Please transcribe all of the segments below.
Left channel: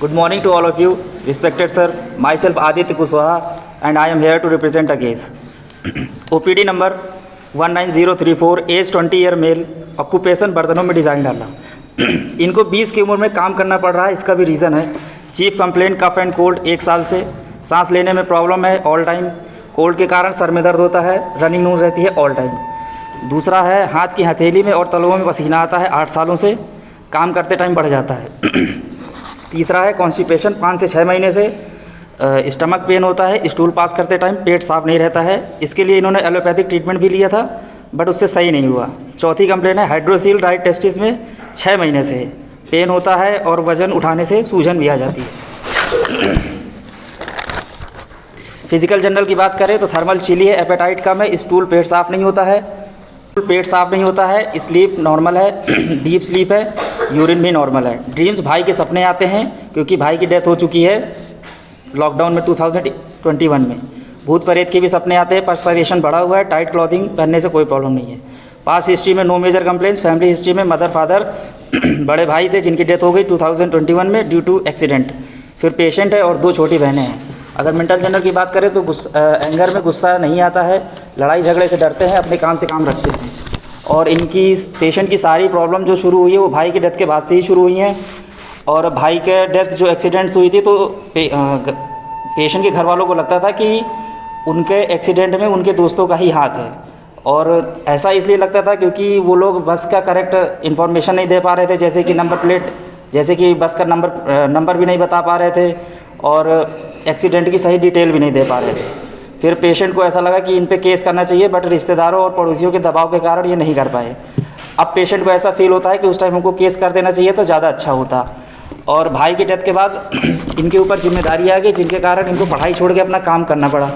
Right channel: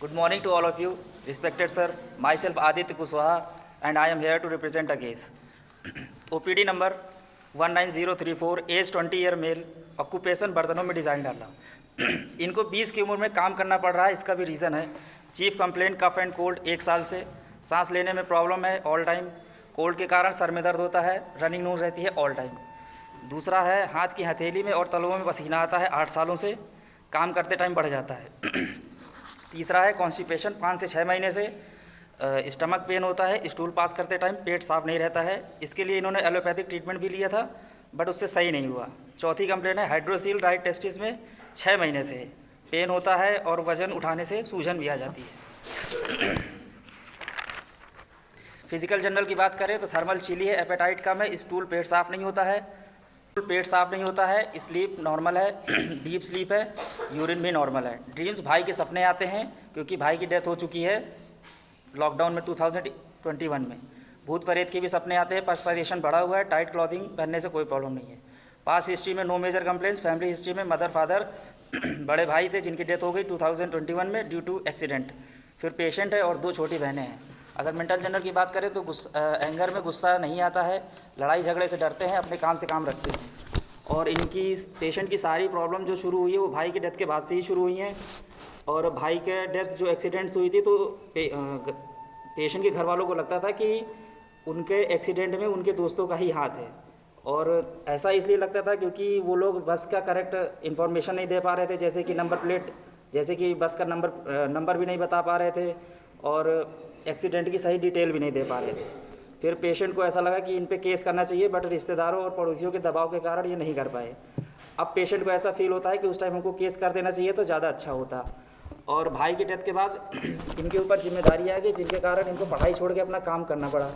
Good morning to all of you, respected sir. Myself Aditya Kushwaha, and I am here to represent a case. OPD number 19034, age 20 year male, occupation बर्तनों में design डालना। इनको 20 की उम्र में काम करना पड़ रहा है। इसका भी रीज़न है। Chief complaint cough and cold, 1 साल से सांस लेने में प्रॉब्लम है ऑल टाइम। कोल्ड के कारण सर में दर्द होता है, रनिंग नोज रहती है ऑल टाइम। दूसरा है हाथ की हथेली में और तलवों में पसीना आता है 8 सालों से, काम करते टाइम बढ़ जाता है। तीसरा है कॉन्स्टिपेशन, 5 से 6 महीने से स्टमक पेन होता है, स्टूल पास करते टाइम पेट साफ नहीं रहता है। इसके लिए इन्होंने एलोपैथिक ट्रीटमेंट भी लिया था बट उससे सही नहीं हुआ। चौथी कंप्लेंट है हाइड्रोसील राइट टेस्टिस में 6 महीने से पेन होता है और वज़न उठाने से सूजन भी आ जाती है। फिजिकल जनरल की बात करें तो थर्मल चिली है, एपेटाइट कम है, स्टूल पेट साफ नहीं होता है, स्लीप नॉर्मल है, डीप स्लीप है, यूरिन भी नॉर्मल है। ड्रीम्स भाई के सपने आते हैं क्योंकि भाई की डेथ हो चुकी है लॉकडाउन में 2021 में। भूत प्रेत के भी सपने आते हैं, पर्सपिरेशन बढ़ा हुआ है, टाइट क्लॉथिंग पहनने से कोई प्रॉब्लम नहीं है। पास हिस्ट्री में no major complaints. Family history में मदर फादर बड़े भाई थे जिनकी डेथ हो गई 2021 में ड्यू टू एक्सीडेंट। फिर पेशेंट है और 2 छोटी बहनें हैं। अगर मेंटल जनरल की बात करें तो एंगर में गुस्सा नहीं आता है, लड़ाई झगड़े से डरते हैं, अपने काम से काम रखते हैं। और इनकी पेशेंट की सारी प्रॉब्लम जो शुरू हुई है वो भाई की डेथ के बाद से ही शुरू हुई हैं। और भाई के डेथ जो एक्सीडेंट्स हुई थी तो पेशेंट के घर वालों को लगता था कि उनके एक्सीडेंट में उनके दोस्तों का ही हाथ है। और ऐसा इसलिए लगता था क्योंकि वो लोग बस का करेक्ट इन्फॉर्मेशन नहीं दे पा रहे थे, जैसे कि नंबर प्लेट, जैसे कि बस का नंबर भी नहीं बता पा रहे थे और एक्सीडेंट की सही डिटेल भी नहीं दे पा रहे थे। फिर पेशेंट को ऐसा लगा कि इन पे केस करना चाहिए बट रिश्तेदारों और पड़ोसियों के दबाव के कारण ये नहीं कर पाए। अब पेशेंट को ऐसा फील होता है कि उस टाइम हमको केस कर देना चाहिए तो ज़्यादा अच्छा होता। और भाई की डेथ के बाद इनके ऊपर जिम्मेदारी आ गई जिनके कारण इनको पढ़ाई छोड़ के अपना काम करना पड़ा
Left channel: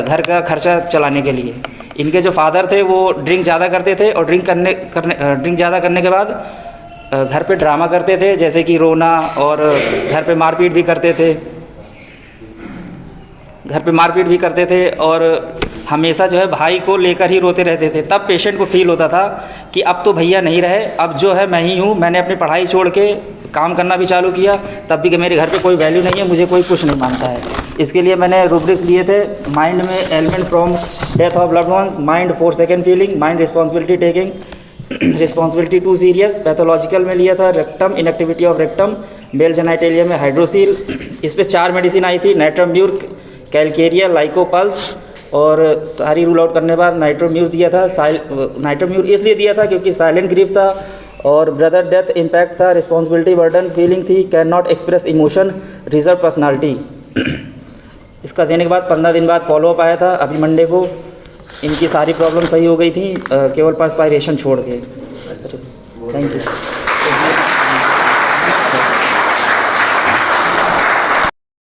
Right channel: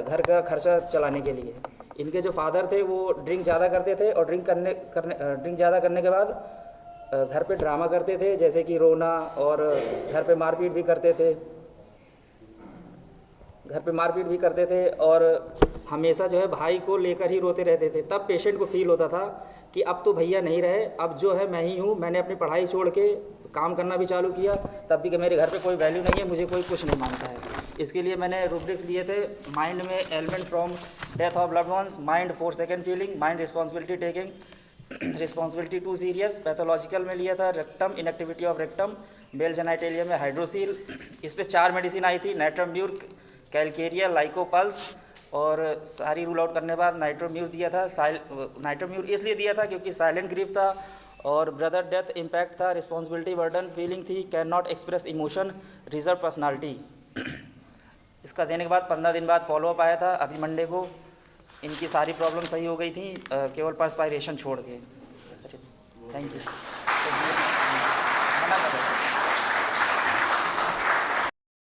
घर का खर्चा चलाने के लिए। इनके जो फादर थे वो ड्रिंक ज़्यादा करते थे और ड्रिंक ज़्यादा करने के बाद घर पे ड्रामा करते थे, जैसे कि रोना, और घर पे मारपीट भी करते थे और हमेशा जो है भाई को लेकर ही रोते रहते थे। तब पेशेंट को फील होता था कि अब तो भैया नहीं रहे, अब जो है मैं ही हूँ। मैंने अपनी पढ़ाई छोड़ के काम करना भी चालू किया तब भी कि मेरे घर पे कोई वैल्यू नहीं है, मुझे कोई कुछ नहीं मानता है। इसके लिए मैंने रूब्रिक्स लिए थे, माइंड में element from death of loved ones, mind 4 second feeling, mind responsibility taking, responsibility too serious. Pathological में लिया था rectum, inactivity of rectum, male genitalia में हाइड्रोसील। इस पर 4 मेडिसिन आई थी, नाइट्रोम्यूर, कैलकेरिया, लाइकोपल्स, और सारी रूल आउट करने के बाद नाइट्रोम्यूर दिया था। नाइट्रोम्यूर इसलिए दिया था क्योंकि साइलेंट ग्रीफ था और ब्रदर डेथ इम्पैक्ट था, रिस्पॉन्सिबिलिटी बर्डन फीलिंग थी, can not express emotion, reserve personality. इसका देने के बाद 15 दिन बाद फॉलोअप आया था। अभी मंडे को इनकी सारी प्रॉब्लम सही हो गई थी, केवल पर्सपायरेशन छोड़ के। Thank you.